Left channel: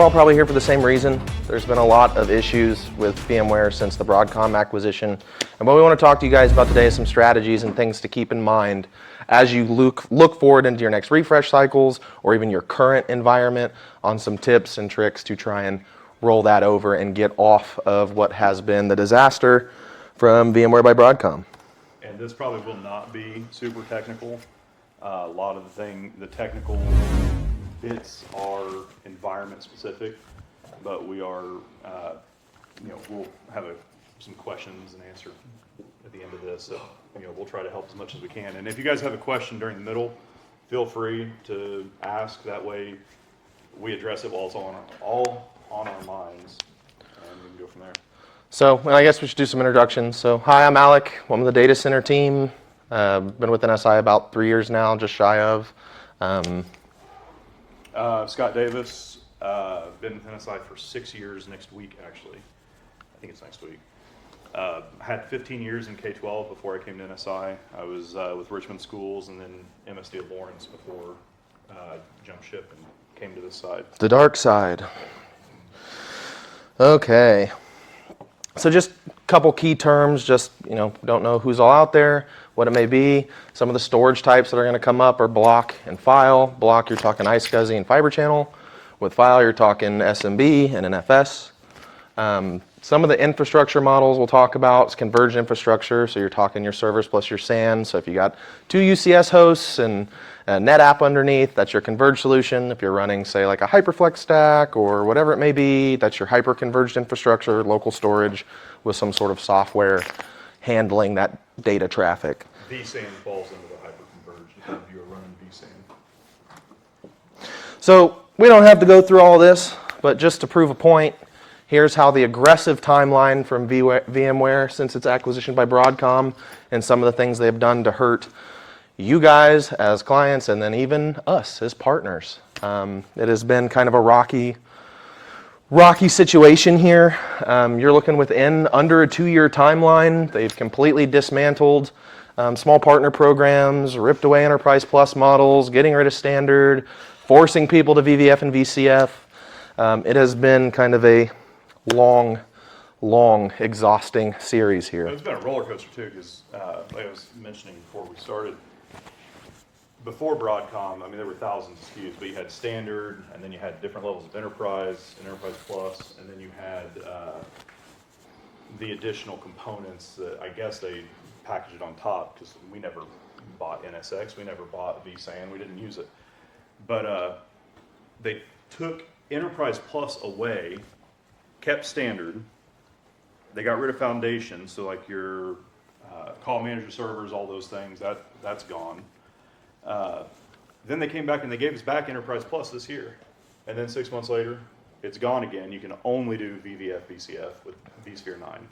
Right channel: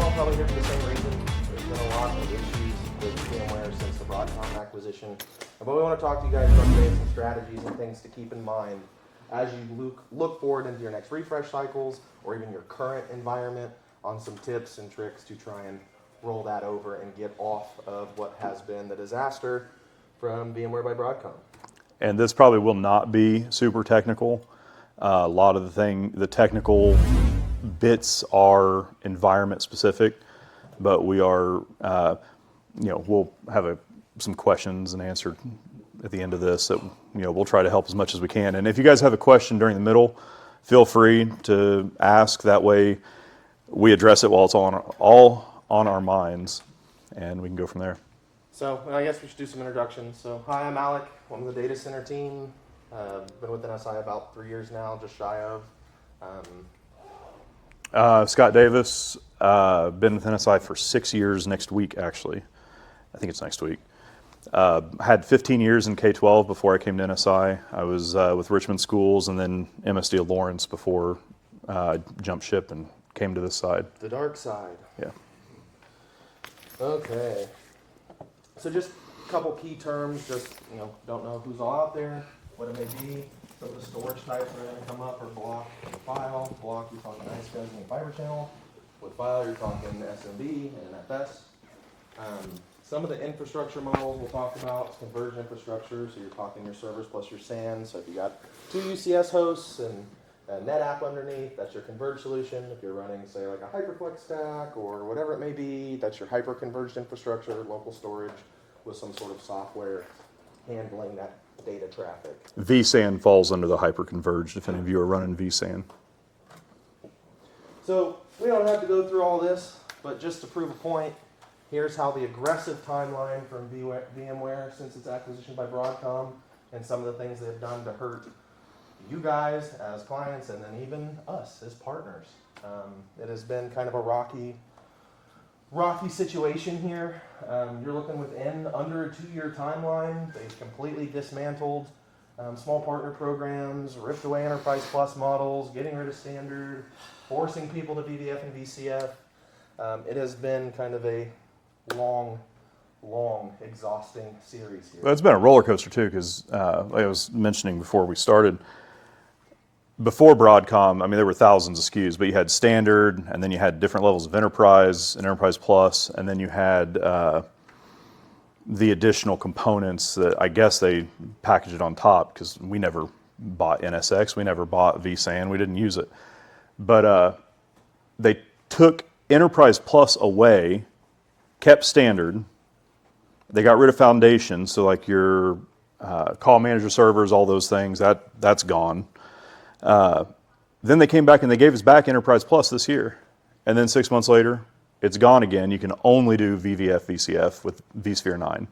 we're all probably here for the same reason. There's been a lot of issues with VMware since the Broadcom acquisition. And what we want to talk to you guys about today is some strategies and things to keep in mind as you look forward into your next refresh cycles or even your current environment, on some tips and tricks to try and roll that over and get off of what has been the disaster from VMware by Broadcom. And this probably will not be super technical. A lot of the technical bits are environment specific, but we are, we'll have some questions and answer at the end of this that we'll try to help as much as we can. And if you guys have a question during the middle, feel free to ask. That way, we address it while it's all on our minds, and we can go from there. So I guess we should do some introductions. So hi, I'm Alec. I'm on the data center team. Been with NSI about 3 years now, just shy of. Scott Davis, been with NSI for 6 years next week, actually. I think it's next week. Had 15 years in K-12 before I came to NSI. I was with Richmond Schools and then MSD of Lawrence before I jumped ship and came to this side. The dark side. Yeah. Okay. So just a couple key terms, just, don't know who's all out there, what it may be. Some of the storage types that are going to come up are block and file. Block, you're talking iSCSI and fiber channel. With file, you're talking SMB and NFS. Some of the infrastructure models we'll talk about is converged infrastructure. So you're talking your servers plus your SAN. So if you got 2 UCS hosts and a NetApp underneath, that's your converged solution. If you're running, say, like a HyperFlex stack or whatever it may be, that's your hyperconverged infrastructure, local storage with some sort of software handling that data traffic. vSAN falls under the hyperconverged if any of you are running vSAN. So we don't have to go through all this, but just to prove a point, here's how the aggressive timeline from VMware since its acquisition by Broadcom and some of the things they've done to hurt you guys as clients and then even us as partners. It has been kind of a rocky situation here. You're looking within under a 2-year timeline. They've completely dismantled small partner programs, ripped away Enterprise Plus models, getting rid of standard, forcing people to VVF and VCF. It has been kind of a long, exhausting series here. Well, it's been a roller coaster too, because like I was mentioning before we started, before Broadcom, there were thousands of SKUs, but you had standard, and then you had different levels of enterprise and enterprise plus, and then you had the additional components that I guess they packaged it on top, because we never bought NSX, we never bought vSAN, we didn't use it. But they took enterprise plus away, kept standard, they got rid of foundation, so like your call manager servers, all those things, that's gone. Then they came back and they gave us back Enterprise Plus this year. And then 6 months later, it's gone again. You can only do VVF, VCF with vSphere 9.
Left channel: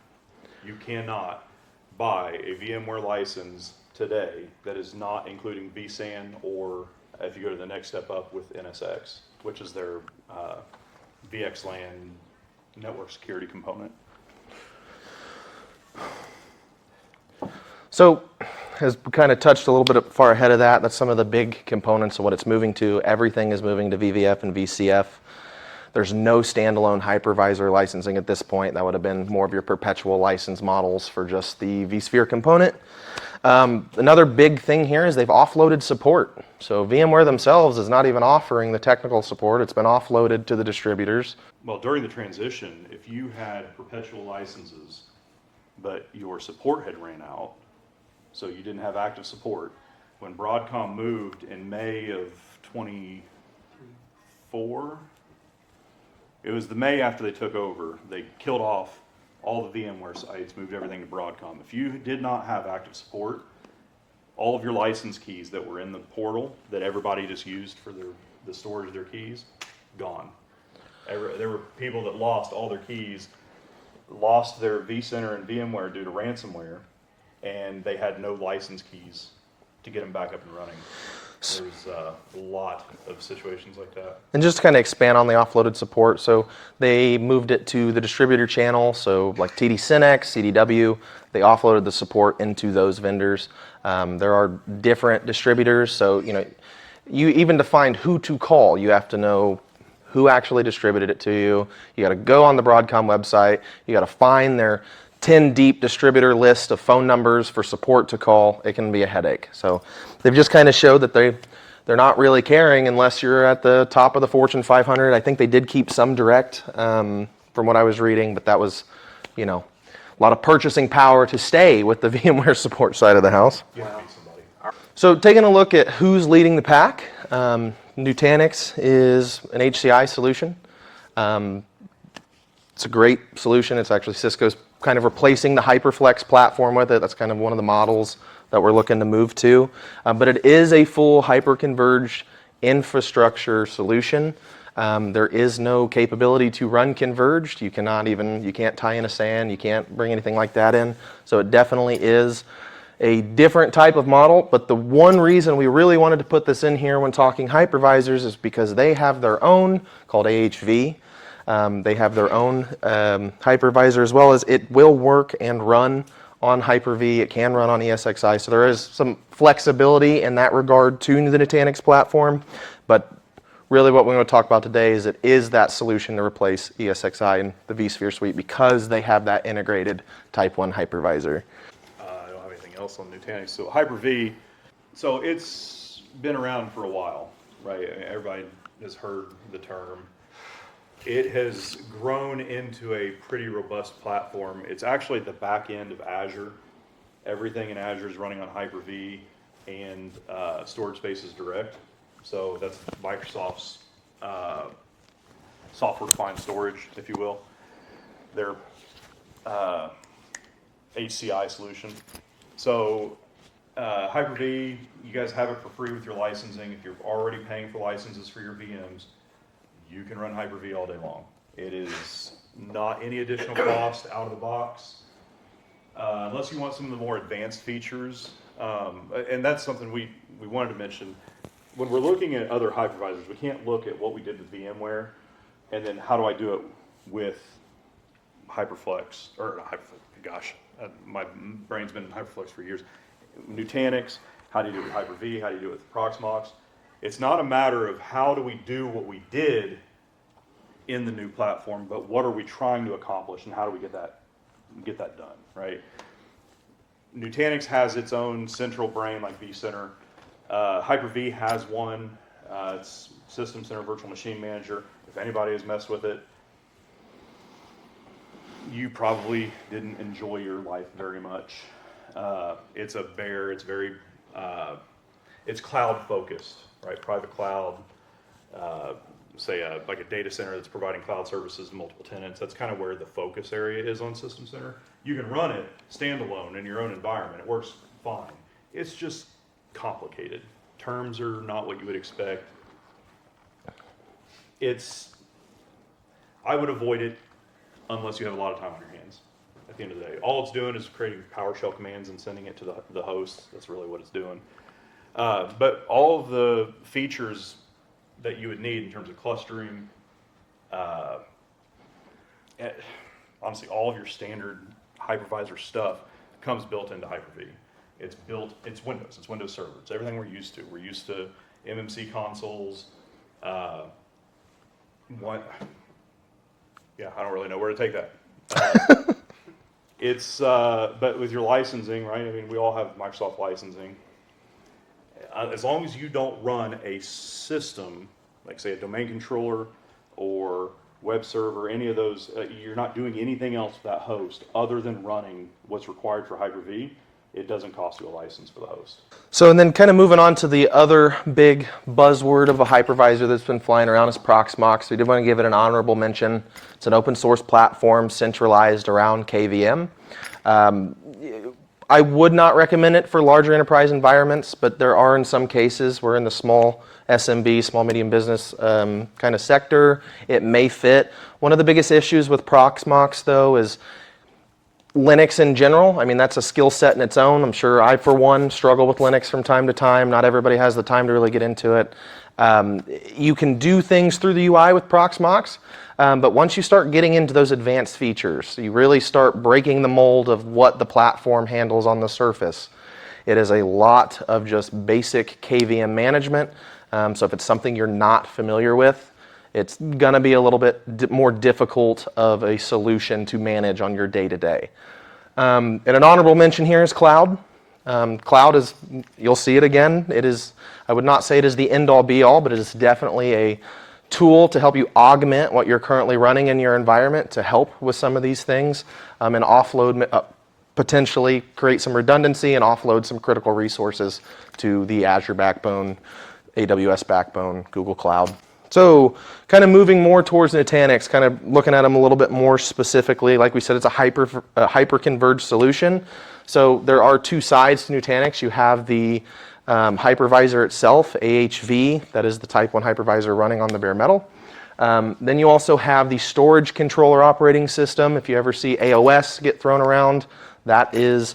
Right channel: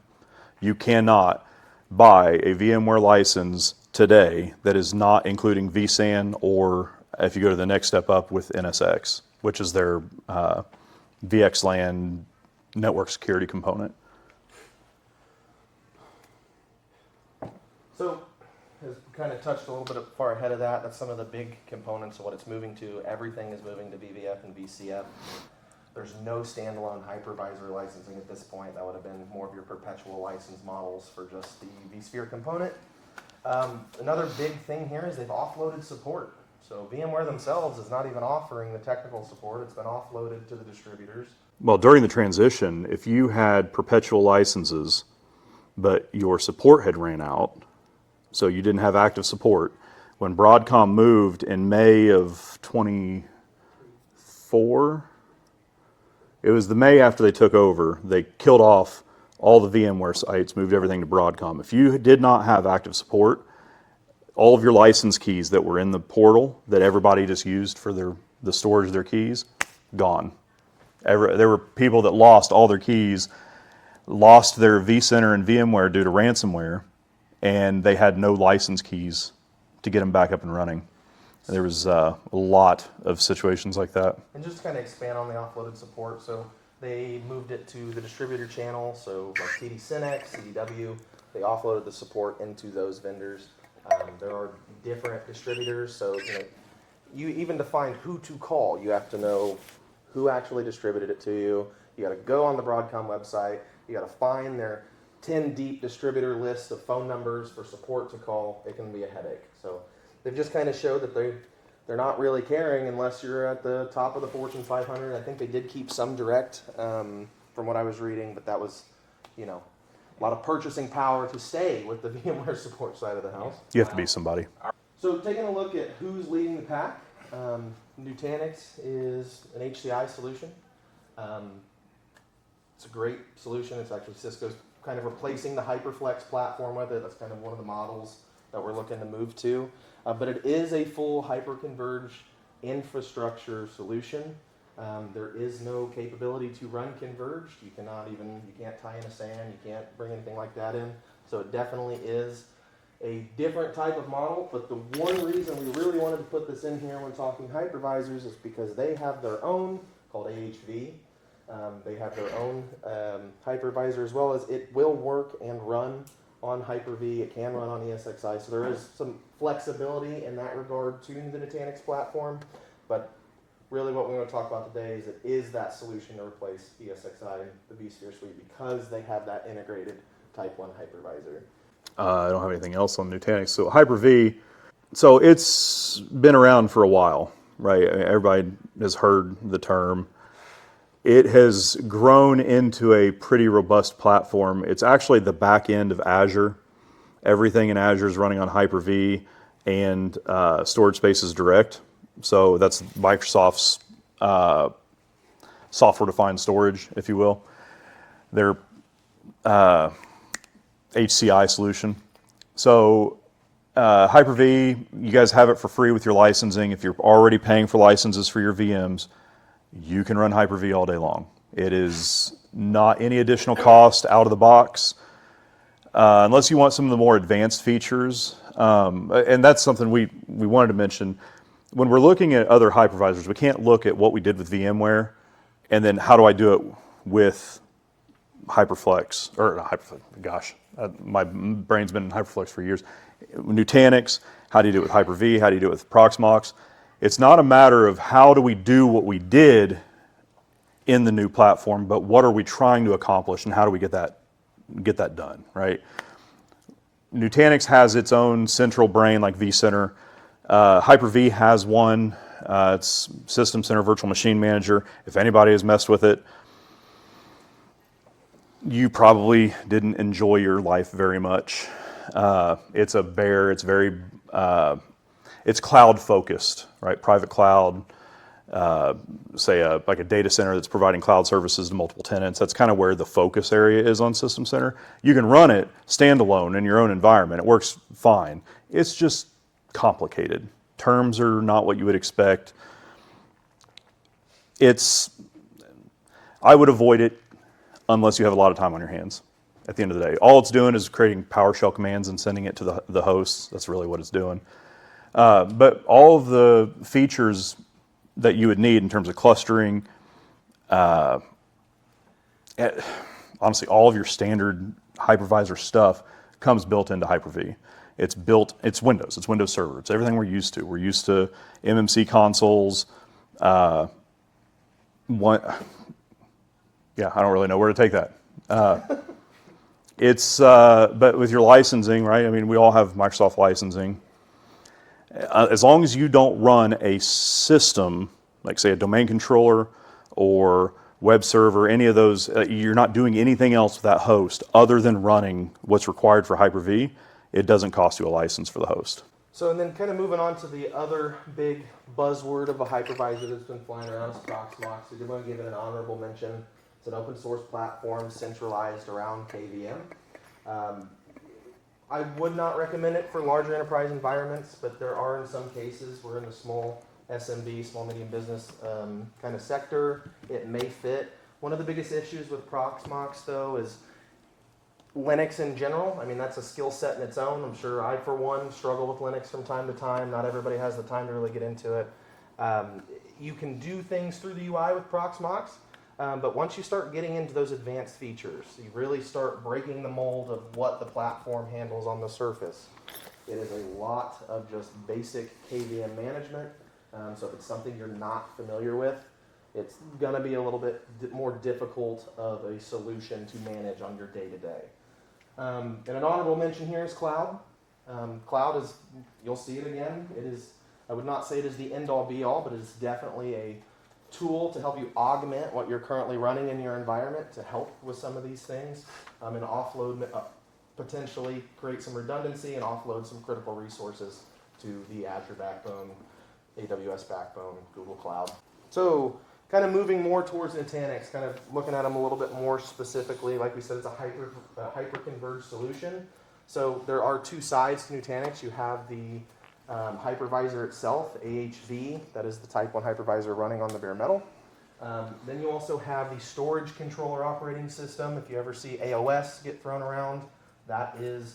You cannot buy a VMware license today that is not including vSAN, or if you go to the next step up with NSX, which is their VXLAN network security component. So, as we kind of touched a little bit far ahead of that, that's some of the big components of what it's moving to. Everything is moving to VVF and VCF. There's no standalone hypervisor licensing at this point. That would have been more of your perpetual license models for just the vSphere component. Another big thing here is they've offloaded support. So VMware themselves is not even offering the technical support. It's been offloaded to the distributors. Well, during the transition, if you had perpetual licenses, but your support had ran out, so you didn't have active support, when Broadcom moved in May of 24, it was the May after they took over, they killed off all the VMware sites, moved everything to Broadcom. If you did not have active support, all of your license keys that were in the portal that everybody just used for the storage of their keys, gone. There were people that lost all their keys, lost their vCenter and VMware due to ransomware, and they had no license keys to get them back up and running. There was a lot of situations like that. And just to kind of expand on the offloaded support, so they moved it to the distributor channel, so like TD Synnex, CDW, they offloaded the support into those vendors. There are different distributors, so you even to find who to call, you have to know who actually distributed it to you. You got to go on the Broadcom website. You got to find their 10 deep distributor list of phone numbers for support to call. It can be a headache. So they've just kind of showed that they're not really caring unless you're at the top of the Fortune 500. I think they did keep some direct from what I was reading, but that was, a lot of purchasing power to stay with the VMware support side of the house. You have to be somebody. So taking a look at who's leading the pack, Nutanix is an HCI solution. It's a great solution. It's actually Cisco's kind of replacing the HyperFlex platform with it. That's kind of one of the models that we're looking to move to. But it is a full hyperconverged infrastructure solution. There is no capability to run converged. You can't tie in a SAN, you can't bring anything like that in. So it definitely is a different type of model, but the one reason we really wanted to put this in here when talking hypervisors is because they have their own, called AHV. They have their own hypervisor, as well as it will work and run on Hyper-V. It can run on ESXi, so there is some flexibility in that regard to the Nutanix platform, but really what we're going to talk about today is it is that solution to replace ESXi and the vSphere suite because they have that integrated Type 1 hypervisor. I don't have anything else on Nutanix. So Hyper-V, so it's been around for a while, right? Everybody has heard the term. It has grown into a pretty robust platform. It's actually the back end of Azure. Everything in Azure is running on Hyper-V, and storage space is direct. So that's Microsoft's software-defined storage, if you will. Their HCI solution. So Hyper-V, you guys have it for free with your licensing. If you're already paying for licenses for your VMs, you can run Hyper-V all day long. It is not any additional cost out of the box, unless you want some of the more advanced features. And that's something we wanted to mention. When we're looking at other hypervisors, we can't look at what we did with VMware and then how do I do it with HyperFlex, or not HyperFlex, gosh, my brain's been in HyperFlex for years. Nutanix, how do you do it with Hyper-V, how do you do it with Proxmox? It's not a matter of how do we do what we did in the new platform, but what are we trying to accomplish and how do we get that done, right? Nutanix has its own central brain like vCenter. Hyper-V has one. It's System Center Virtual Machine Manager. If anybody has messed with it, you probably didn't enjoy your life very much. It's a bear. It's very, it's cloud focused, right? Private cloud, say like a data center that's providing cloud services to multiple tenants. That's kind of where the focus area is on System Center. You can run it standalone in your own environment. It works fine. It's just complicated. Terms are not what you would expect. I would avoid it unless you have a lot of time on your hands. At the end of the day, all it's doing is creating PowerShell commands and sending it to the hosts. That's really what it's doing. But all of the features that you would need in terms of clustering, honestly, all of your standard hypervisor stuff comes built into Hyper-V. It's Windows, it's Windows Server, it's everything we're used to. We're used to MMC consoles. Yeah, I don't really know where to take that. But with your licensing, right? I mean, we all have Microsoft licensing. As long as you don't run a system, like say a domain controller or web server, any of those, you're not doing anything else with that host other than running what's required for Hyper-V, it doesn't cost you a license for the host. So, and then kind of moving on to the other big buzzword of a hypervisor that's been flying around is Proxmox. We did want to give it an honorable mention. It's an open source platform centralized around KVM. I would not recommend it for larger enterprise environments, but there are in some cases where in the small SMB, small medium business kind of sector, it may fit. One of the biggest issues with Proxmox though is Linux in general. I mean, that's a skill set in its own. I'm sure I, for one, struggle with Linux from time to time. Not everybody has the time to really get into it. You can do things through the UI with Proxmox, but once you start getting into those advanced features, you really start breaking the mold of what the platform handles on the surface. It is a lot of just basic KVM management. So if it's something you're not familiar with, it's going to be a little bit more difficult of a solution to manage on your day-to-day. And an honorable mention here is cloud. Cloud is, you'll see it again, it is, I would not say it is the end-all be-all, but it is definitely a tool to help you augment what you're currently running in your environment to help with some of these things, and offload, potentially create some redundancy and offload some critical resources to the Azure backbone, AWS backbone, Google Cloud. So kind of moving more towards Nutanix, kind of looking at them a little bit more specifically. Like we said, it's a hyperconverged solution. So there are two sides to Nutanix. You have the hypervisor itself, AHV, that is the type 1 hypervisor running on the bare metal. Then you also have the storage controller operating system. If you ever see AOS get thrown around, that is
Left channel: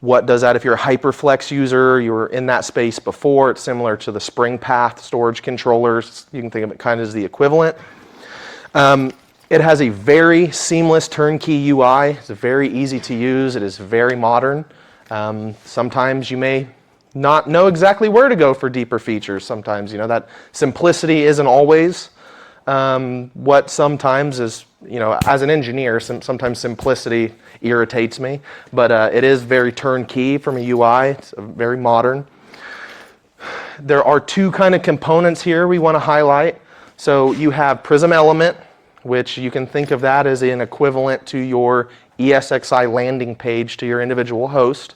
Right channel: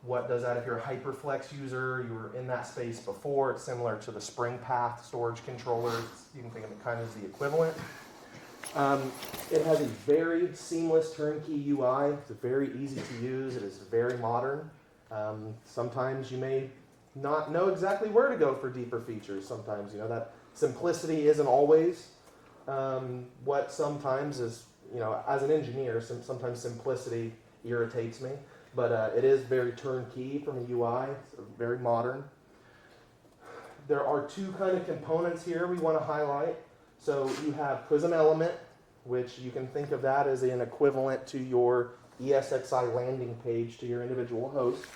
what does that. If you're a HyperFlex user, you were in that space before, it's similar to the Spring Path storage controllers. You can think of it kind of as the equivalent. It has a very seamless turnkey UI. It's very easy to use. It is very modern. Sometimes you may not know exactly where to go for deeper features. Sometimes, you know, that simplicity isn't always what sometimes is, you know, as an engineer, sometimes simplicity irritates me, but it is very turnkey from a UI. It's very modern. There are two kind of components here we want to highlight. So you have Prism Element, which you can think of that as an equivalent to your ESXi landing page to your individual host.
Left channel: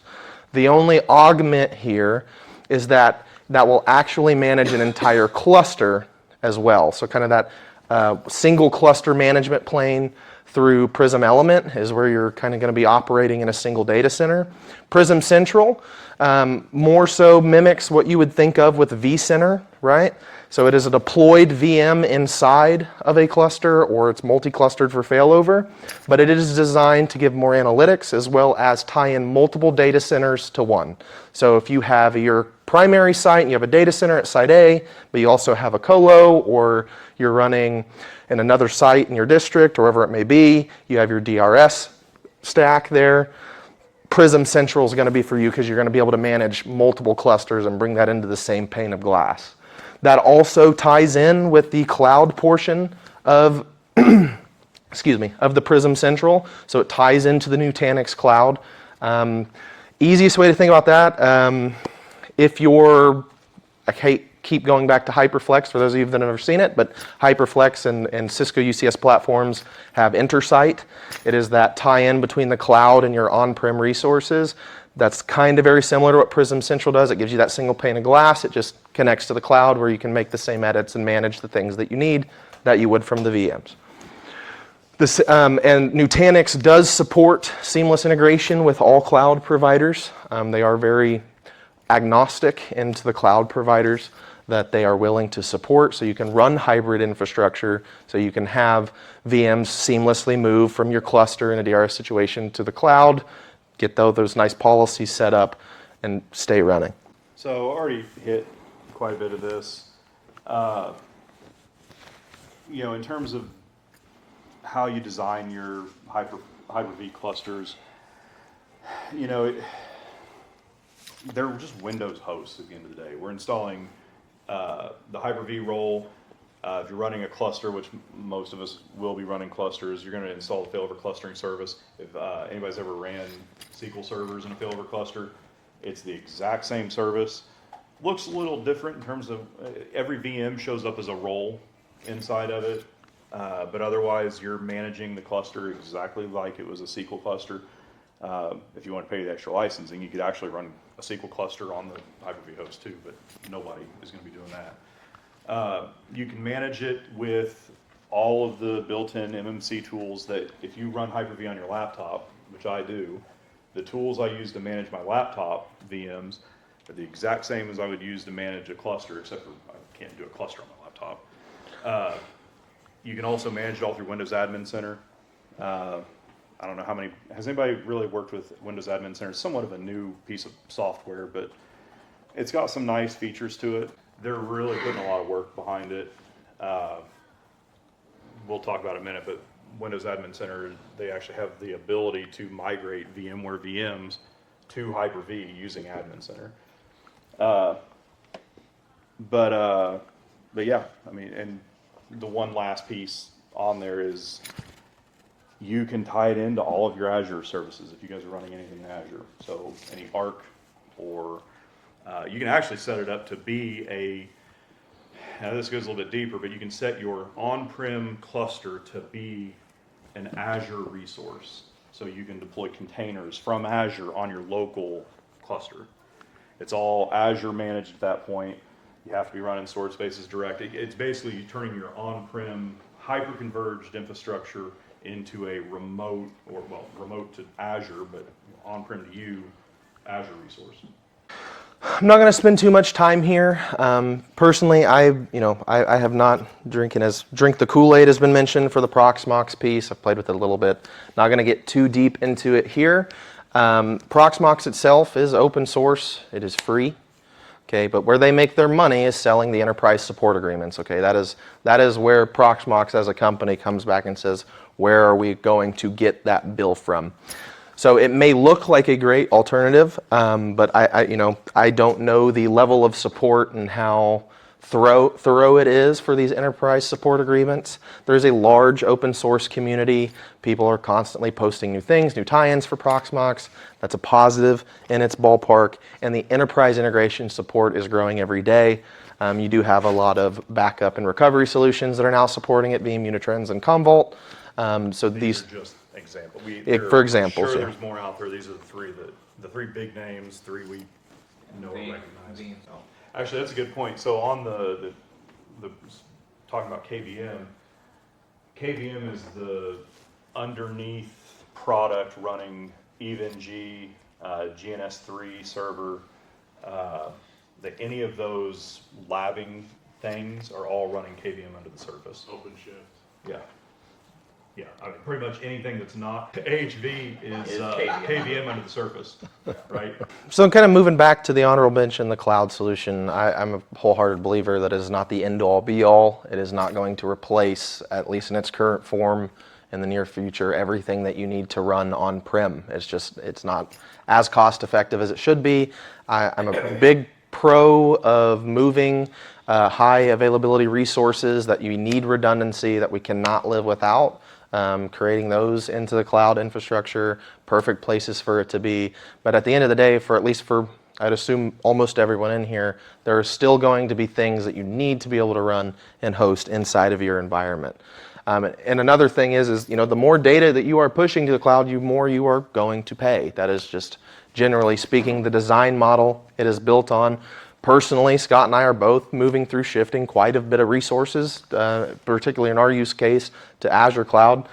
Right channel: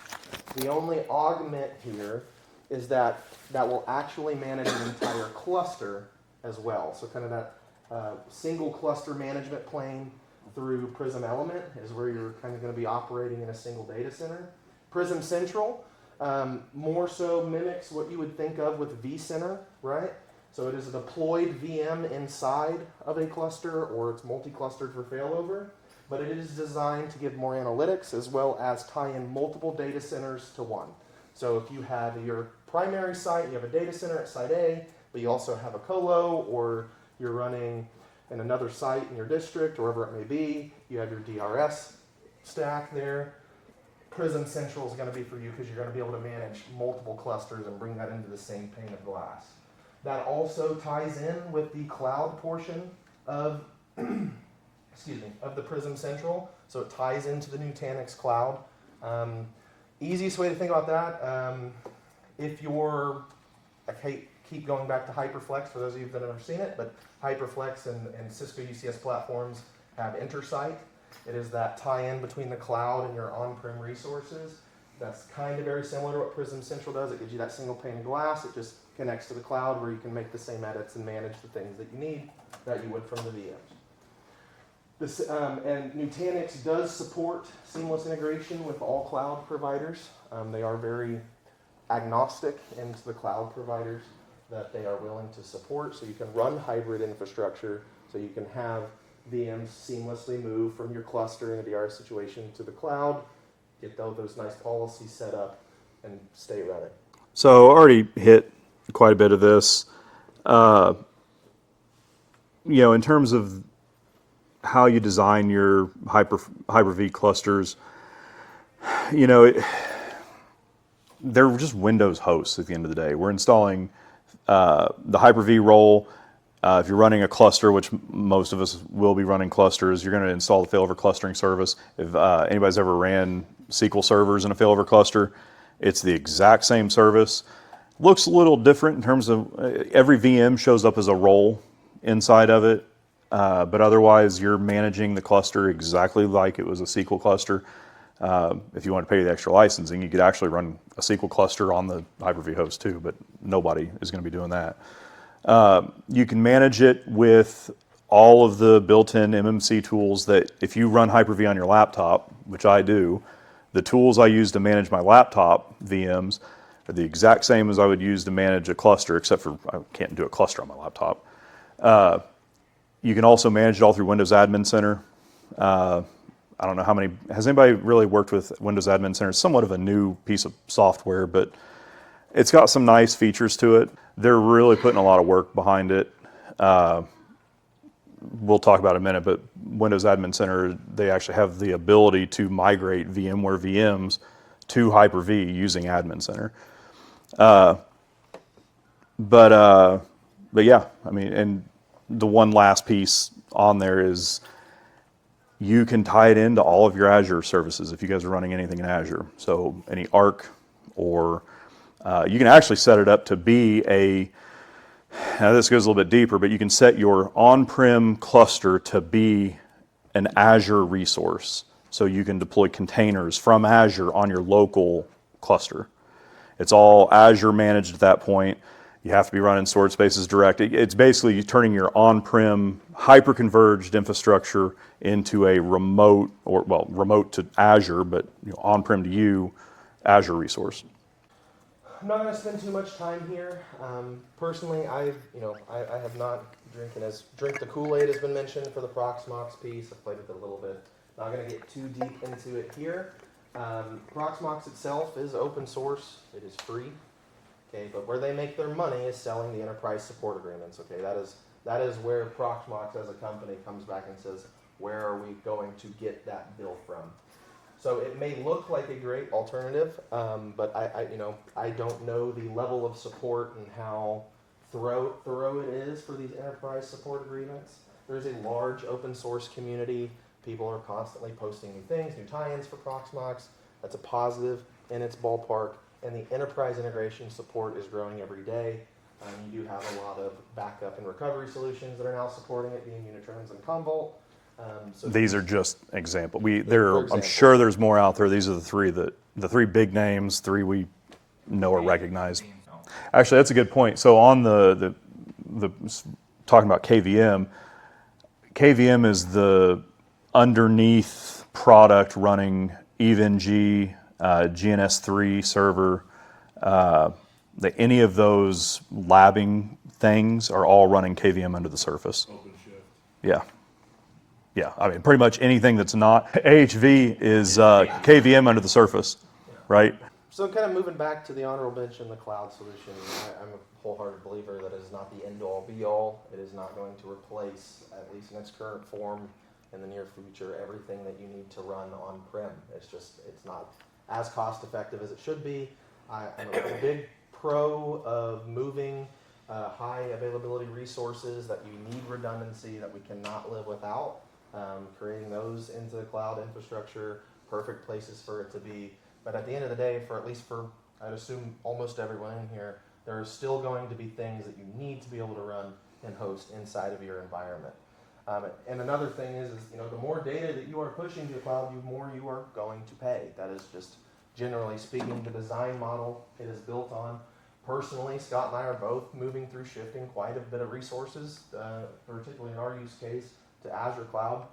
The only augment here is that will actually manage an entire cluster as well. So kind of that single cluster management plane through Prism Element is where you're kind of going to be operating in a single data center. Prism Central more so mimics what you would think of with vCenter, right? So it is a deployed VM inside of a cluster, or it's multi-clustered for failover, but it is designed to give more analytics as well as tie in multiple data centers to one. So if you have your primary site and you have a data center at site A, but you also have a colo, or you're running in another site in your district, or wherever it may be, you have your DRS stack there. Prism Central is going to be for you because you're going to be able to manage multiple clusters and bring that into the same pane of glass. That also ties in with the cloud portion of, excuse me, of the Prism Central. So it ties into the Nutanix cloud. Easiest way to think about that, if you're, keep going back to HyperFlex for those of you that have never seen it, but HyperFlex and Cisco UCS platforms have Intersite. It is that tie-in between the cloud and your on-prem resources. That's kind of very similar to what Prism Central does. It gives you that single pane of glass. It just connects to the cloud where you can make the same edits and manage the things that you need that you would from the VMs. And Nutanix does support seamless integration with all cloud providers. They are very agnostic into the cloud providers that they are willing to support, so you can run hybrid infrastructure, so you can have VMs seamlessly move from your cluster in a DRS situation to the cloud, get those nice policies set up, and stay running. So I already hit quite a bit of this. You know, in terms of how you design your Hyper-V clusters, you know, they're just Windows hosts at the end of the day. We're installing the Hyper-V role. If you're running a cluster, which most of us will be running clusters, you're going to install the failover clustering service. If anybody's ever ran SQL servers in a failover cluster, it's the exact same service. Looks a little different in terms of every VM shows up as a role inside of it, but otherwise you're managing the cluster exactly like it was a SQL cluster. If you want to pay the extra licensing, you could actually run a SQL cluster on the Hyper-V host too, but nobody is going to be doing that. You can manage it with all of the built-in MMC tools that if you run Hyper-V on your laptop, which I do, the tools I use to manage my laptop VMs are the exact same as I would use to manage a cluster, except for I can't do a cluster on my laptop. You can also manage it all through Windows Admin Center. I don't know how many, has anybody really worked with Windows Admin Center? It's somewhat of a new piece of software, but it's got some nice features to it. They're really putting a lot of work behind it. We'll talk about it in a minute, but Windows Admin Center, they actually have the ability to migrate VMware VMs to Hyper-V using Admin Center. But yeah, I mean, and the one last piece on there is you can tie it into all of your Azure services if you guys are running anything in Azure. So any Arc, or you can actually set it up to be now this goes a little bit deeper, but you can set your on-prem cluster to be an Azure resource. So you can deploy containers from Azure on your local cluster. It's all Azure managed at that point. You have to be running storage spaces direct. It's basically turning your on-prem hyperconverged infrastructure into a remote, remote to Azure, but on-prem to you, Azure resource. I'm not going to spend too much time here. Personally, I have not drink the Kool-Aid has been mentioned for the Proxmox piece. I've played with it a little bit. Not going to get too deep into it here. Proxmox itself is open source. It is free. Okay, but where they make their money is selling the enterprise support agreements. Okay, that is where Proxmox as a company comes back and says, where are we going to get that bill from? So it may look like a great alternative, but I don't know the level of support and how thorough it is for these enterprise support agreements. There's a large open source community. People are constantly posting new things, new tie-ins for Proxmox. That's a positive in its ballpark. And the enterprise integration support is growing every day. You do have a lot of backup and recovery solutions that are now supporting it, Veeam, Unitrends, and Commvault. So these are just examples. For example, I'm sure there's more out there. These are the three big names, three we know or recognize. Actually, that's a good point. So on the talking about KVM, KVM is the underneath product running EVE-NG, GNS3 server. Any of those labbing things are all running KVM under the surface. OpenShift. Yeah. Yeah, I mean, pretty much anything that's not AHV is KVM under the surface, right? So kind of moving back to the honorable mention, the cloud solution, I'm a wholehearted believer that it is not the end-all, be-all. It is not going to replace, at least in its current form, in the near future, everything that you need to run on-prem. It's not as cost-effective as it should be. I'm a big pro of moving high availability resources that you need redundancy that we cannot live without. Creating those into the cloud infrastructure, perfect places for it to be. But at the end of the day, I'd assume almost everyone in here, there are still going to be things that you need to be able to run and host inside of your environment. And another thing is the more data that you are pushing to the cloud, the more you are going to pay. That is just generally speaking the design model it is built on. Personally, Scott and I are both moving through shifting quite a bit of resources, particularly in our use case, to Azure Cloud.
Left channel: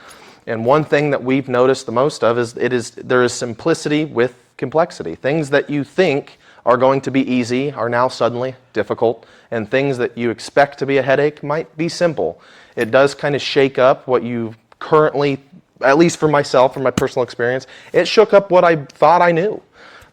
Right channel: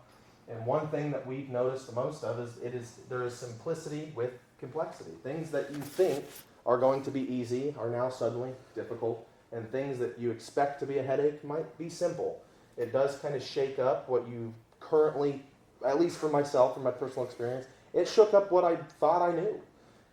And one thing that we've noticed the most of is there is simplicity with complexity. Things that you think are going to be easy are now suddenly difficult, and things that you expect to be a headache might be simple. It does kind of shake up what you currently, at least for myself, from my personal experience, it shook up what I thought I knew.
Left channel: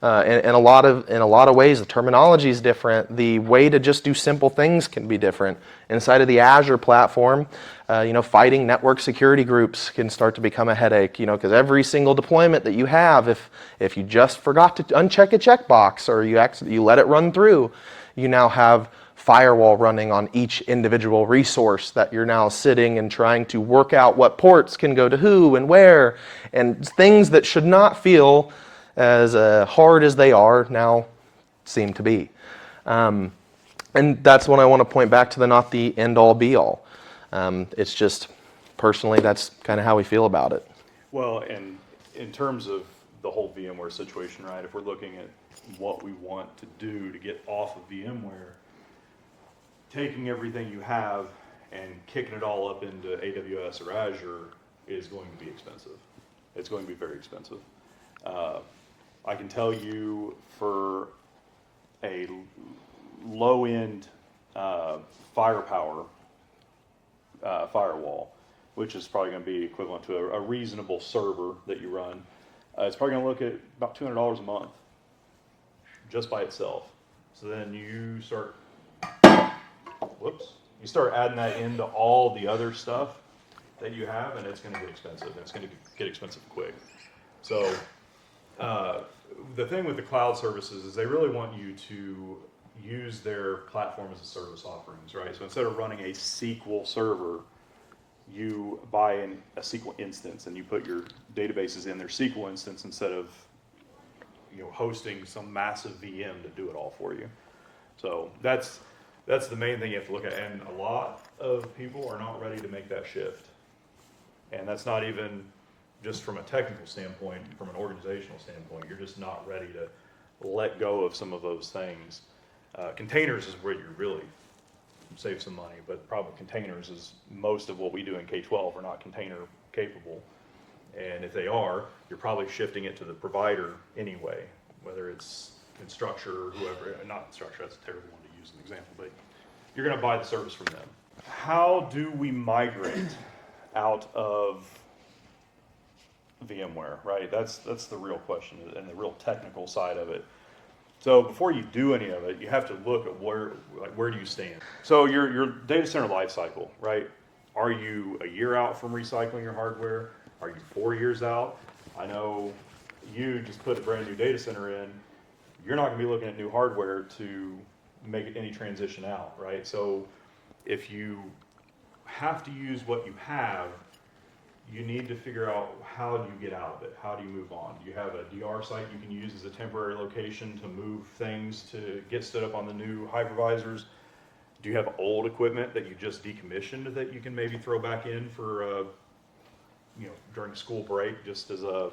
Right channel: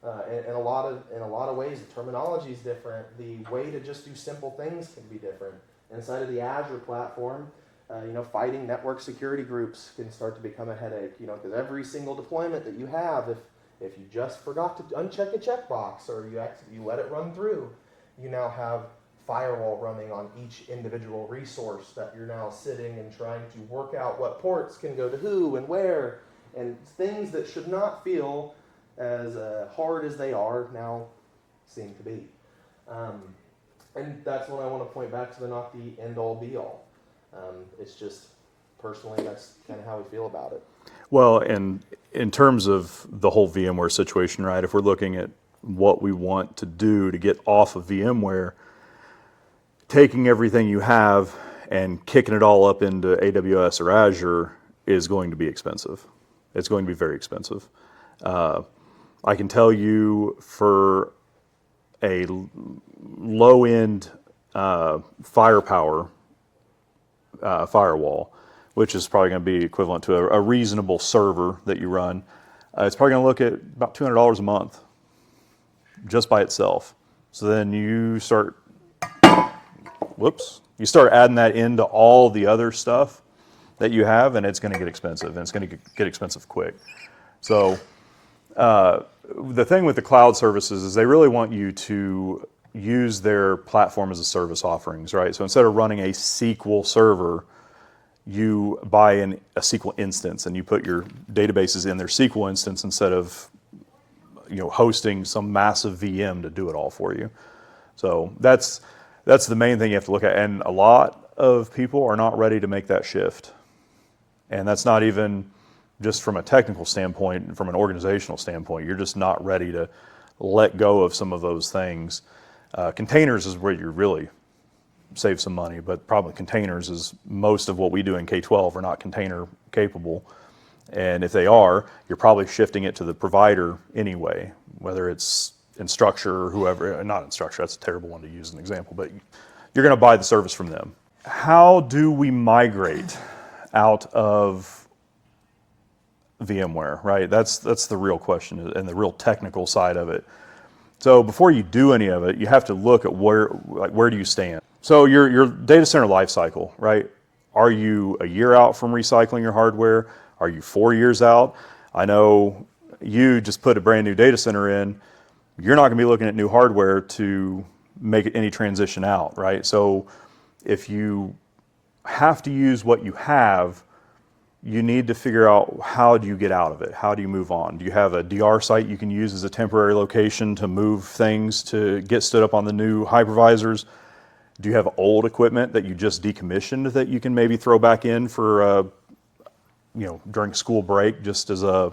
In a lot of ways, the terminology is different. The way to just do simple things can be different. Inside of the Azure platform, fighting network security groups can start to become a headache. Because every single deployment that you have, if you just forgot to uncheck a checkbox or you let it run through, you now have firewall running on each individual resource that you're now sitting and trying to work out what ports can go to who and where, and things that should not feel as hard as they are now seem to be. And that's when I want to point back to not the end-all, be-all. It's just, personally, that's kind of how we feel about it. Well, and in terms of the whole VMware situation, right, if we're looking at what we want to do to get off of VMware, taking everything you have and kicking it all up into AWS or Azure is going to be expensive. It's going to be very expensive. I can tell you for a low-end firepower firewall, which is probably going to be equivalent to a reasonable server that you run, it's probably going to look at about $200 a month just by itself. So then you start adding that into all the other stuff that you have, and it's going to get expensive, and it's going to get expensive quick. So the thing with the cloud services is they really want you to use their platform as a service offerings, right? So instead of running a SQL server, you buy a SQL instance and you put your databases in their SQL instance instead of hosting some massive VM to do it all for you. So that's the main thing you have to look at. And a lot of people are not ready to make that shift. And that's not even just from a technical standpoint, from an organizational standpoint. You're just not ready to let go of some of those things. Containers is where you really save some money, but probably containers is most of what we do in K-12 are not container capable. And if they are, you're probably shifting it to the provider anyway, whether it's Instructure or whoever, not Instructure, that's a terrible one to use as an example, but you're going to buy the service from them. How do we migrate out of VMware, right? That's the real question and the real technical side of it. So before you do any of it, you have to look at where do you stand. So your data center life cycle, right? Are you a year out from recycling your hardware? Are you 4 years out? I know you just put a brand new data center in. You're not going to be looking at new hardware to make any transition out, right? So if you have to use what you have, you need to figure out how do you get out of it? How do you move on? Do you have a DR site you can use as a temporary location to move things to get stood up on the new hypervisors? Do you have old equipment that you just decommissioned that you can maybe throw back in for, during school break just as a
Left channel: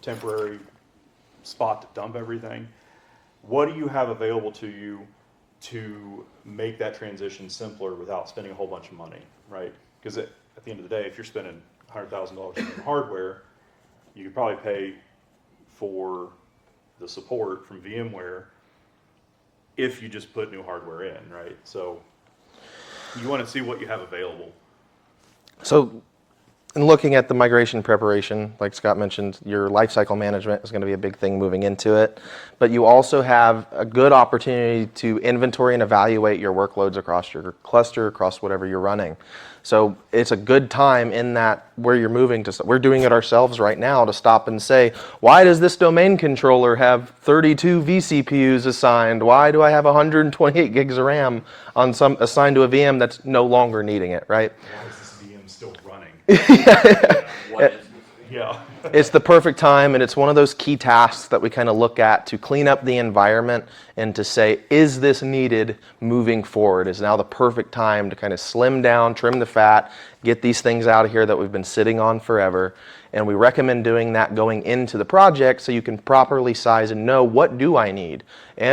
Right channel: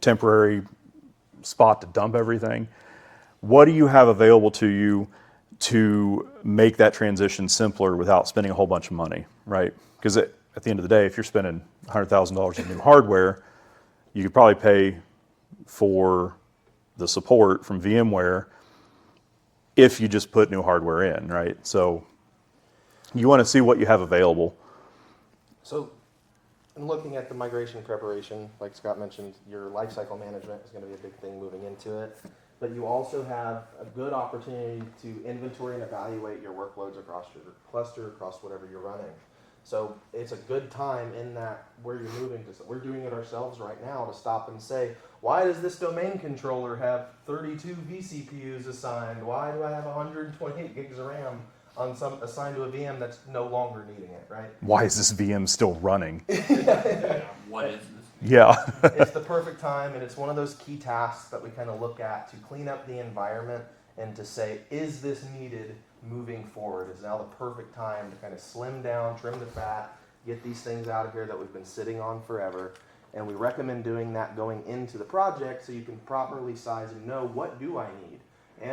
temporary spot to dump everything? What do you have available to you to make that transition simpler without spending a whole bunch of money, right? Because at the end of the day, if you're spending $100,000 in new hardware, you could probably pay for the support from VMware if you just put new hardware in, right? So you want to see what you have available. So in looking at the migration preparation, like Scott mentioned, your lifecycle management is going to be a big thing moving into it. But you also have a good opportunity to inventory and evaluate your workloads across your cluster, across whatever you're running. So it's a good time in that where you're moving to. We're doing it ourselves right now to stop and say, why does this domain controller have 32 vCPUs assigned? Why do I have 128 gigs of RAM on assigned to a VM that's no longer needing it, right? Why is this VM still running? What is this? Yeah. It's the perfect time, and it's one of those key tasks that we kind of look at to clean up the environment and to say, is this needed moving forward? Is now the perfect time to kind of slim down, trim the fat, get these things out of here that we've been sitting on forever. And we recommend doing that going into the project so you can properly size and know, what do I need?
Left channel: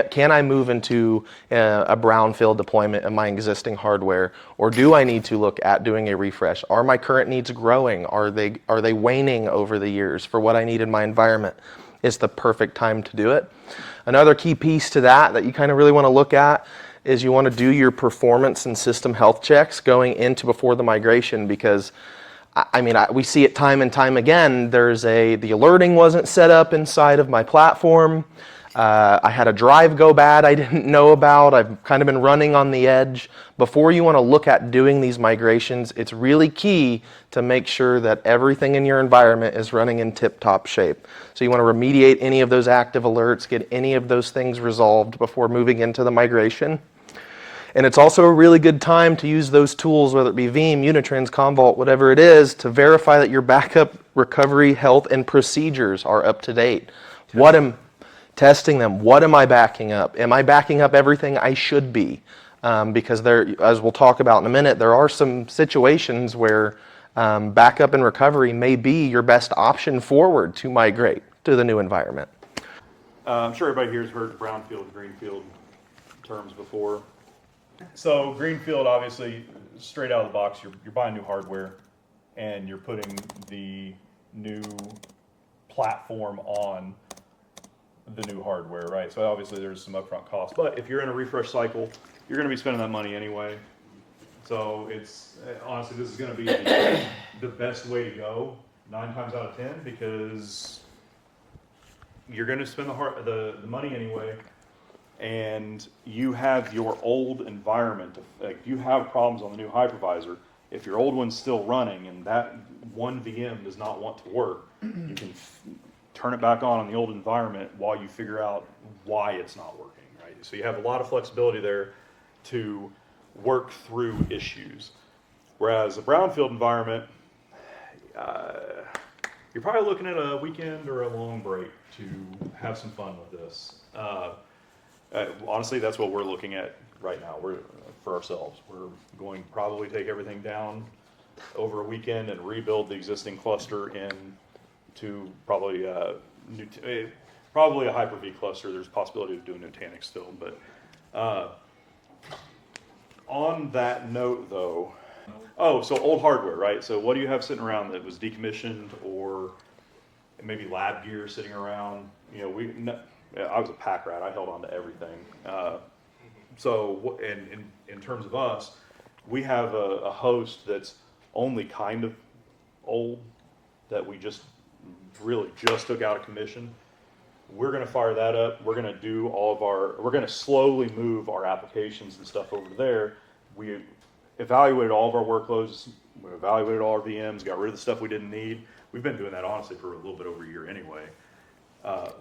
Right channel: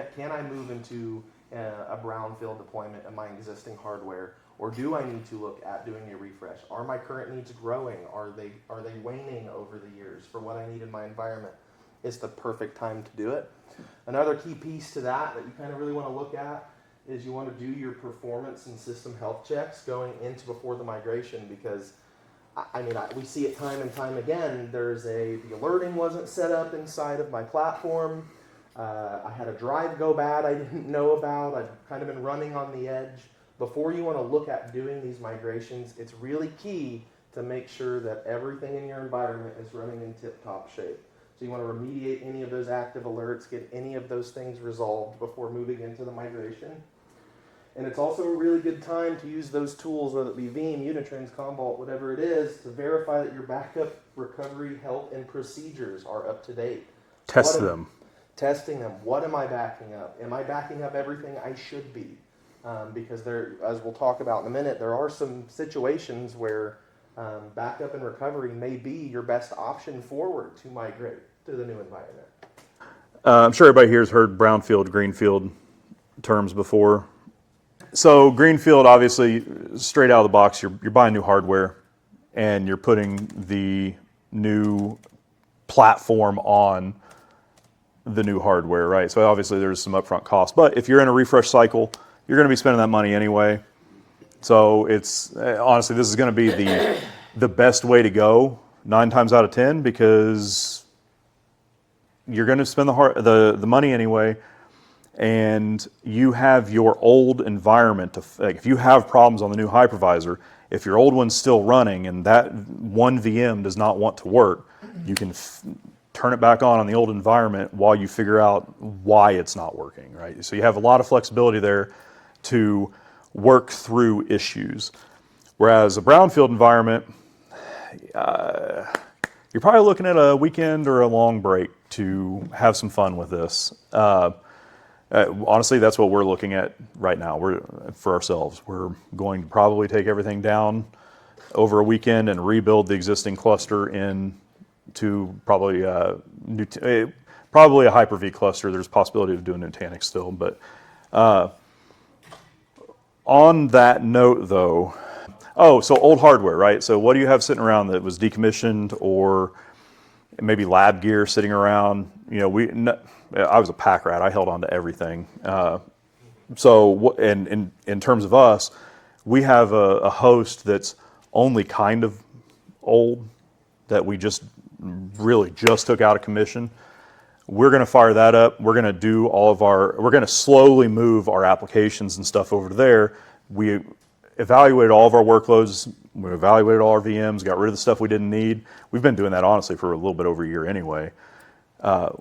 Can I move into a brownfield deployment of my existing hardware? Or do I need to look at doing a refresh? Are my current needs growing? Are they waning over the years for what I need in my environment? It's the perfect time to do it. Another key piece to that you kind of really want to look at is you want to do your performance and system health checks going into before the migration, because we see it time and time again. The alerting wasn't set up inside of my platform. I had a drive go bad I didn't know about. I've kind of been running on the edge. Before you want to look at doing these migrations, it's really key to make sure that everything in your environment is running in tip-top shape. So you want to remediate any of those active alerts, get any of those things resolved before moving into the migration. And it's also a really good time to use those tools, whether it be Veeam, Unitrans, Commvault, whatever it is, to verify that your backup, recovery, health, and procedures are up to date. Testing them. What am I backing up? Am I backing up everything I should be? Because as we'll talk about in a minute, there are some situations where backup and recovery may be your best option forward to migrate to the new environment. I'm sure everybody here has heard brownfield, greenfield terms before. So greenfield, obviously, straight out of the box, you're buying new hardware and you're putting the new platform on the new hardware, right? So obviously there's some upfront cost, but if you're in a refresh cycle, you're going to be spending that money anyway. So it's honestly, this is going to be the best way to go 9 times out of 10, because you're going to spend the money anyway. And you have your old environment if you have problems on the new hypervisor, if your old one's still running and that one VM does not want to work, you can turn it back on the old environment while you figure out why it's not working, right? So you have a lot of flexibility there to work through issues. Whereas a brownfield environment, you're probably looking at a weekend or a long break to have some fun with this. Honestly, that's what we're looking at right now. For ourselves. We're going to probably take everything down over a weekend and rebuild the existing cluster into probably probably a Hyper-V cluster. There's a possibility of doing Nutanix still, but on that note, though. Oh, so old hardware, right? So what do you have sitting around that was decommissioned, or maybe lab gear sitting around? I was a pack rat. I held on to everything. So in terms of us, we have a host that's only kind of old that we really just took out of commission. We're going to fire that up. We're going to we're going to slowly move our applications and stuff over to there. We evaluated all of our workloads. We evaluated all our VMs, got rid of the stuff we didn't need. We've been doing that honestly for a little bit over a year anyway.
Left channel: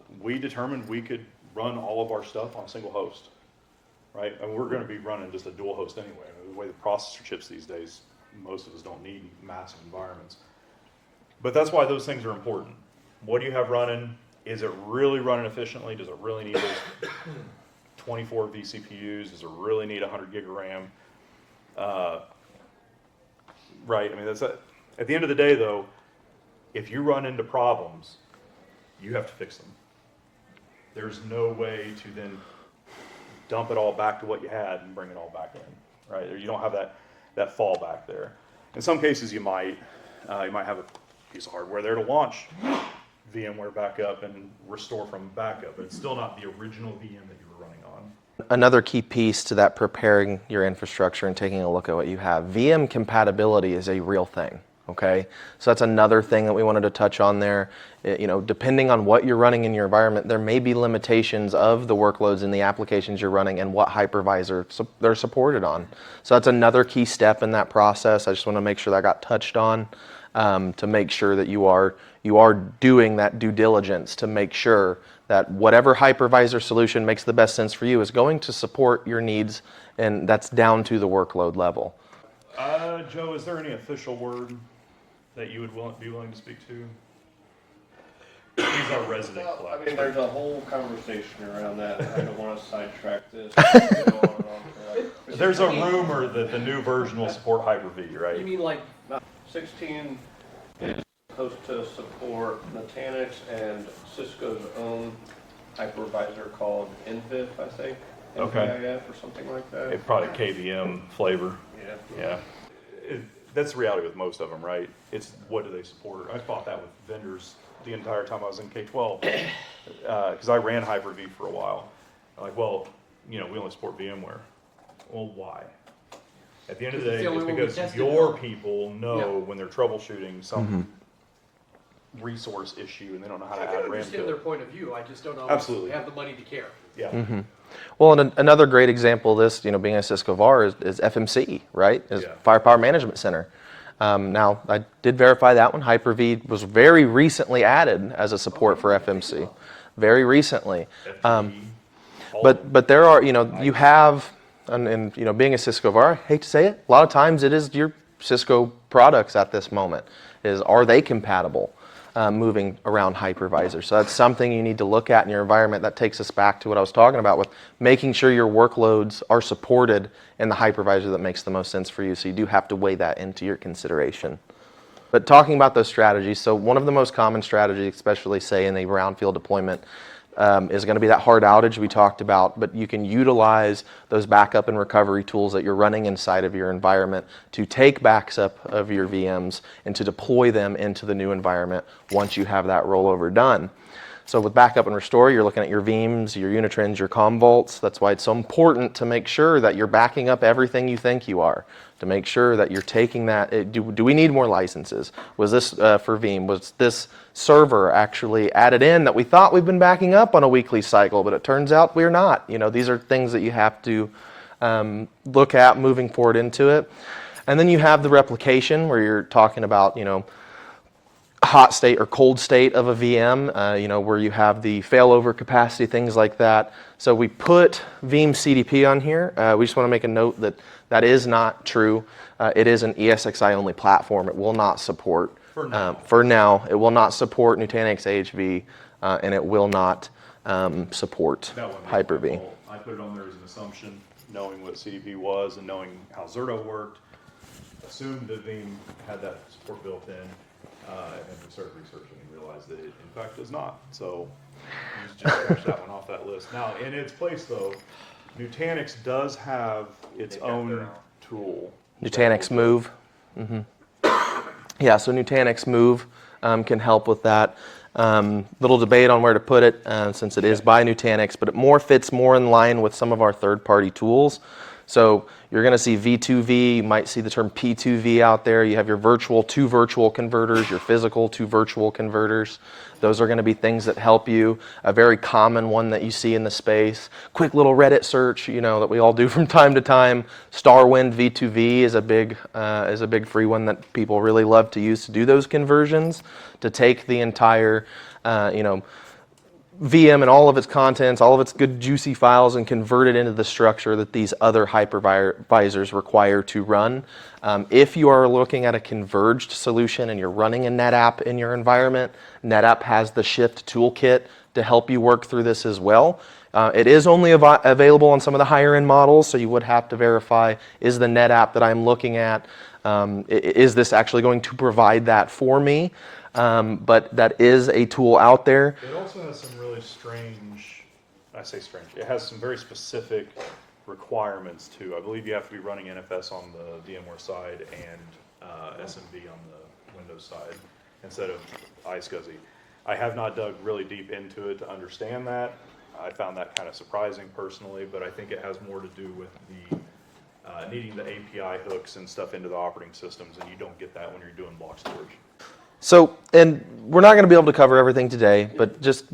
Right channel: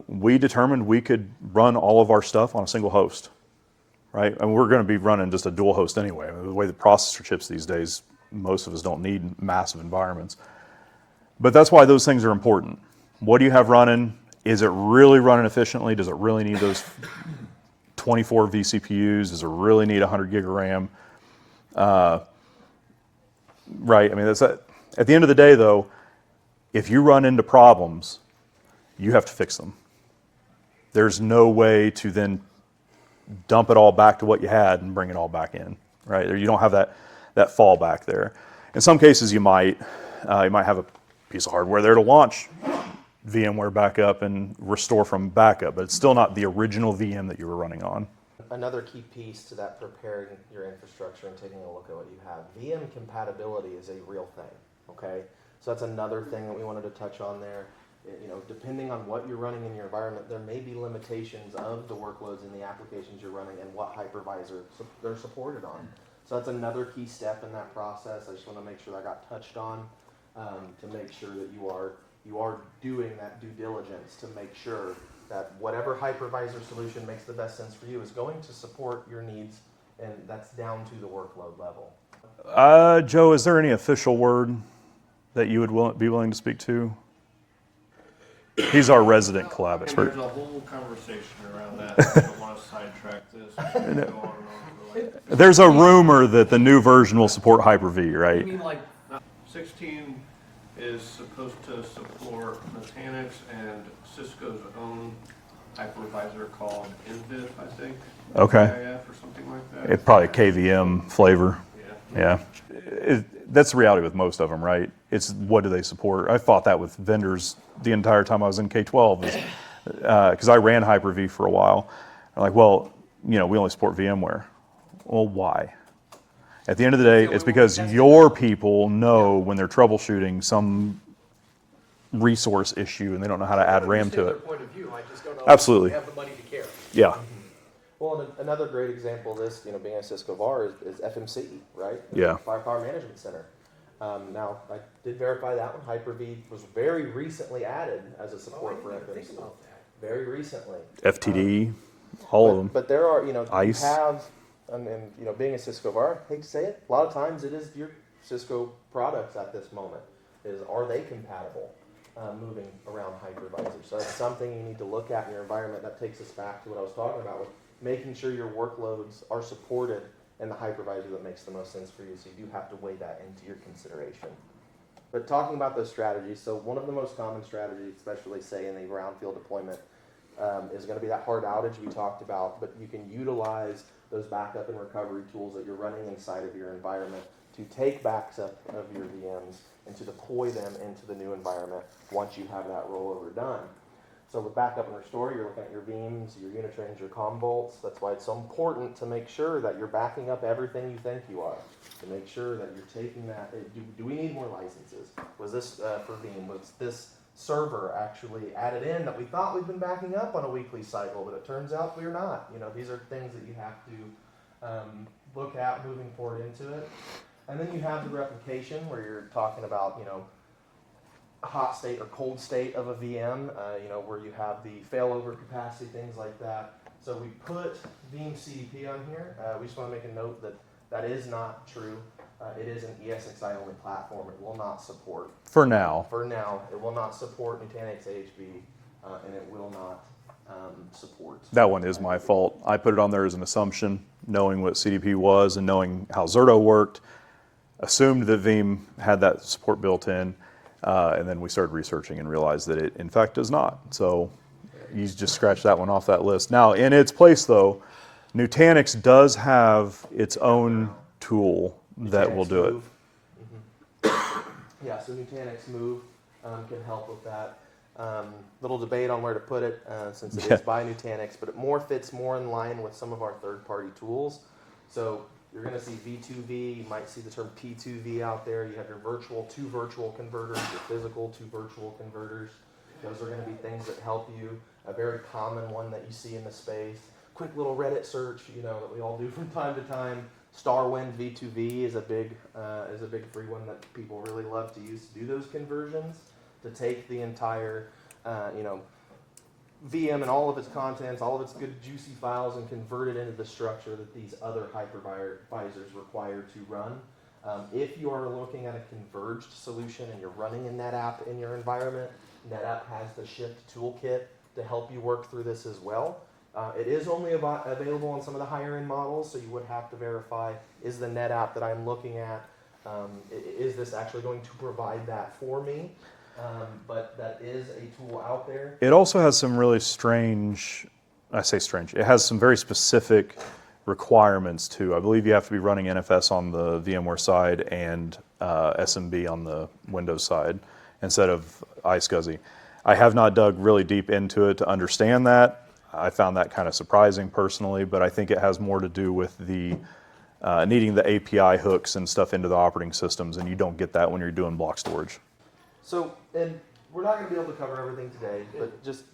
We determined we could run all of our stuff on a single host, right? And we're going to be running just a dual host anyway. The way the processor chips these days, most of us don't need massive environments. But that's why those things are important. What do you have running? Is it really running efficiently? Does it really need those 24 vCPUs? Does it really need 100 gig of RAM? Right. I mean, at the end of the day, though, if you run into problems, you have to fix them. There's no way to then dump it all back to what you had and bring it all back in, right? You don't have that fallback there. In some cases, you might have a piece of hardware there to launch VMware backup and restore from backup, but it's still not the original VM that you were running on. Another key piece to that preparing your infrastructure and taking a look at what you have. VM compatibility is a real thing, okay? So that's another thing that we wanted to touch on there. Depending on what you're running in your environment, there may be limitations of the workloads and the applications you're running and what hypervisor they're supported on. So that's another key step in that process. I just want to make sure that got touched on to make sure that you are doing that due diligence to make sure that whatever hypervisor solution makes the best sense for you is going to support your needs, and that's down to the workload level. Joe, is there any official word that you would be willing to speak to? He's our resident collab expert. There's a whole conversation around that. I don't want to sidetrack this. Go on and on for There's a rumor that the new version will support Hyper-V, right? You mean like 16 is supposed to support Nutanix and Cisco's own hypervisor called NVIF, I think. Okay. IIF or something like that. It's probably KVM flavor. Yeah. That's the reality with most of them, right? It's what do they support? I fought that with vendors the entire time I was in K-12 because I ran Hyper-V for a while. I'm like, well, we only support VMware. Well, why? At the end of the day, it's because your people know when they're troubleshooting some resource issue and they don't know how to add RAM to their it. point of view. I just don't know Absolutely. have the money to care. Yeah. Well, and another great example of this, being a Cisco VAR is FMC, right? Firepower Management Center. Now, I did verify that one. Hyper-V was very recently added as a support for FMC. Very recently. FTE, all of them. But there are, you ICE. have, and being a Cisco VAR, I hate to say it, a lot of times it is your Cisco products at this moment. Are they compatible? Moving around hypervisor. So that's something you need to look at in your environment. That takes us back to what I was talking about with making sure your workloads are supported in the hypervisor that makes the most sense for you. So you do have to weigh that into your consideration. But talking about those strategies, so one of the most common strategies, especially say in a brownfield deployment, is going to be that hard outage we talked about, but you can utilize those backup and recovery tools that you're running inside of your environment to take backs up of your VMs and to deploy them into the new environment once you have that rollover done. So with backup and restore, you're looking at your VMs, your Unitrends, your Commvaults. That's why it's so important to make sure that you're backing up everything you think you are, to make sure that you're taking that. Do we need more licenses? Was this for VM? Was this server actually added in that we thought we've been backing up on a weekly cycle, but it turns out we're not? These are things that you have to look at moving forward into it. And then you have the replication where you're talking about, hot state or cold state of a VM, where you have the failover capacity, things like that. So we put Veeam CDP on here. We just want to make a note that that is not true. It is an ESXi only platform. It will not support. For now. For now, it will not support Nutanix AHV, and it will not support That one is my Hyper-V. fault. I put it on there as an assumption, knowing what CDP was and knowing how Zerto worked. Assumed that Veeam had that support built in, and then we started researching and realized that it, in fact, does not. So you just scratch that one off that list. Now, in its place, though, Nutanix does have its own tool. that Nutanix will do it. Move. Yeah, so Nutanix Move can help with that. Little debate on where to put it since it is by Nutanix, but it fits more in line with some of our third-party tools. So you're going to see V2V, you might see the term P2V out there. You have your virtual to virtual converters, your physical to virtual converters. Those are going to be things that help you. A very common one that you see in the space. Quick little Reddit search, that we all do from time to time. Starwind V2V is a big free one that people really love to use to do those conversions, to take the entire, VM and all of its contents, all of its good juicy files, and convert it into the structure that these other hypervisors require to run. If you are looking at a converged solution and you're running a NetApp in your environment, NetApp has the Shift toolkit to help you work through this as well. It is only available on some of the higher end models, so you would have to verify, is the NetApp that I'm looking at, is this actually going to provide that for me? But that is a tool out there. It also has some really strange, I say strange, it has some very specific requirements too. I believe you have to be running NFS on the VMware side and SMB on the Windows side instead of iSCSI. I have not dug really deep into it to understand that. I found that kind of surprising personally, but I think it has more to do with the needing the API hooks and stuff into the operating systems, and you don't get that when you're doing block storage. So, and we're not going to be able to cover everything today, but just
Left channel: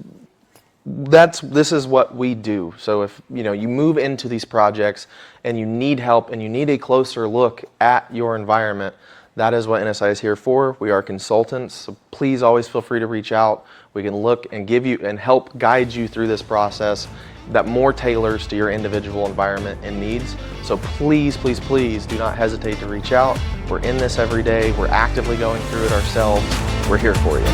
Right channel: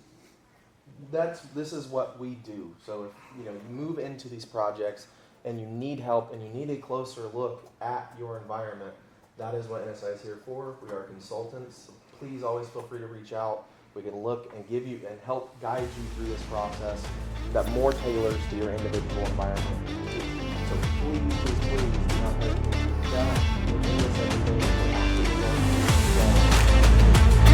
this is what we do. So if you move into these projects and you need help and you need a closer look at your environment, that is what NSI is here for. We are consultants, so please always feel free to reach out. We can look and give you and help guide you through this process that more tailors to your individual environment and needs. So please, please, please do not hesitate to reach out. We're in this every day. We're actively going through it ourselves. We're here for you.